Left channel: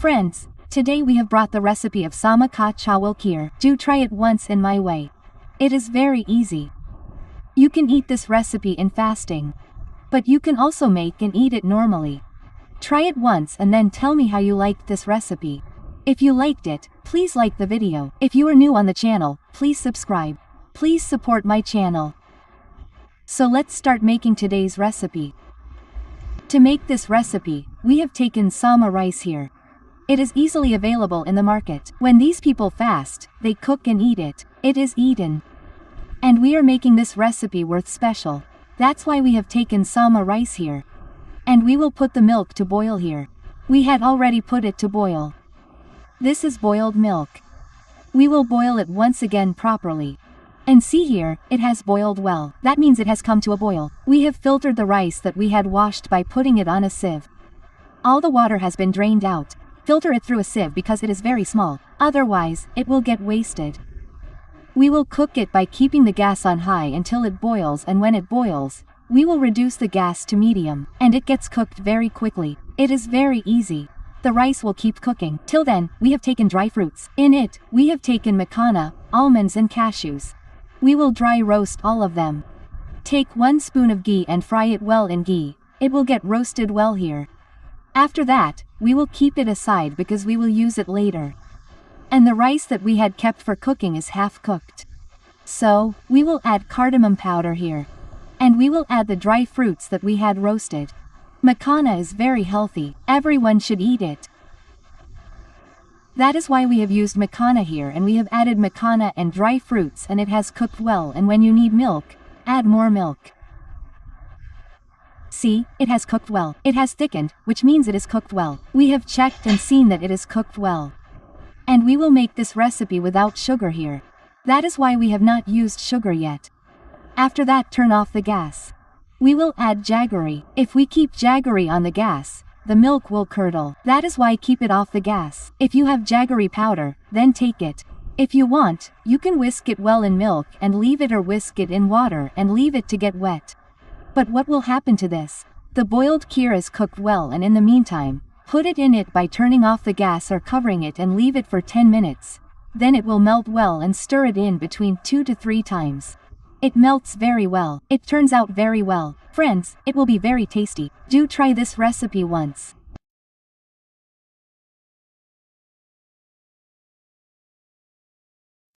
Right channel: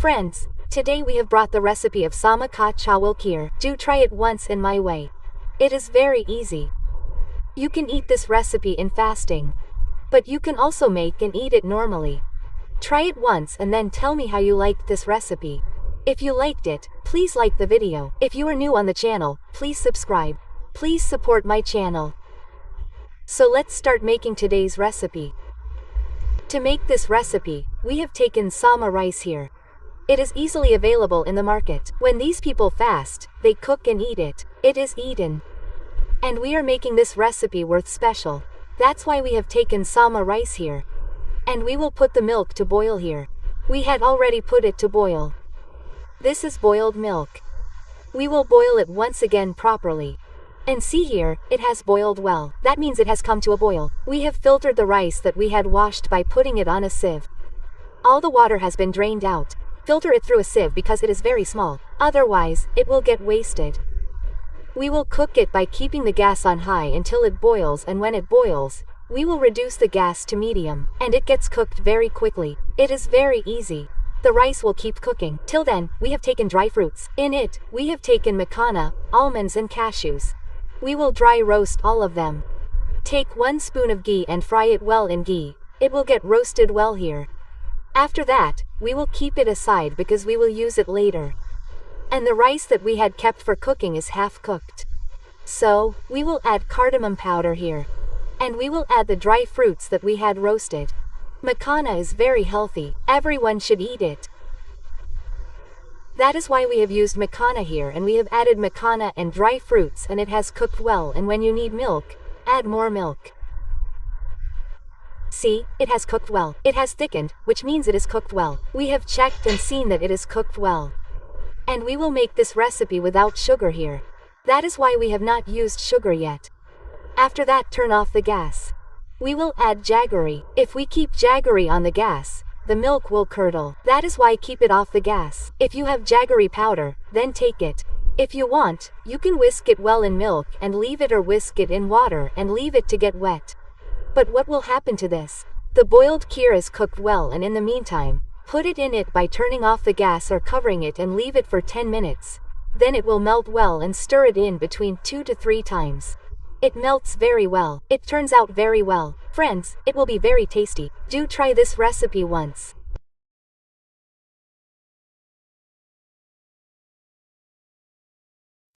Friends, today we have brought the recipe of sama ka chawal kheer. Do try it once in my way. It is very easy. You can eat this recipe in fasting. But you can also make and eat it normally. Try it once and then tell me how you liked this recipe. If you liked it, please like the video. If you are new on the channel, please subscribe. Please support my channel. So let's start making today's recipe. To make this recipe, we have taken sama rice here. It is easily available in the market. When these people fast, they cook and eat it. It is eaten. And we are making this recipe worth special. That's why we have taken sama rice here. And we will put the milk to boil here. We had already put it to boil. This is boiled milk. We will boil it once again properly. And see here, it has boiled well. That means it has come to a boil. We have filtered the rice that we had washed by putting it on a sieve. All the water has been drained out. Filter it through a sieve because it is very small, otherwise, it will get wasted. We will cook it by keeping the gas on high until it boils, and when it boils, we will reduce the gas to medium, and it gets cooked very quickly. It is very easy. The rice will keep cooking. Till then, we have taken dry fruits. In it, we have taken makana, almonds and cashews. We will dry roast all of them. Take 1 spoon of ghee and fry it well in ghee. It will get roasted well here. After that, we will keep it aside because we will use it later. And the rice that we had kept for cooking is half cooked. So, we will add cardamom powder here. And we will add the dry fruits that we had roasted. Makana is very healthy. Everyone should eat it. That is why we have used makana here, and we have added makana and dry fruits, and it has cooked well, and when you need milk, add more milk. See, it has cooked well. It has thickened, which means it is cooked well. We have checked and seen that it is cooked well. And we will make this recipe without sugar here. That is why we have not used sugar yet. After that, turn off the gas. We will add jaggery. If we keep jaggery on the gas, the milk will curdle. That is why keep it off the gas. If you have jaggery powder, then take it. If you want, you can whisk it well in milk and leave it, or whisk it in water and leave it to get wet. But what will happen to this? The boiled kheer is cooked well, and in the meantime, put it in it by turning off the gas or covering it and leave it for 10 minutes. Then it will melt well, and stir it in between 2 to 3 times. It melts very well. It turns out very well. Friends, it will be very tasty. Do try this recipe once.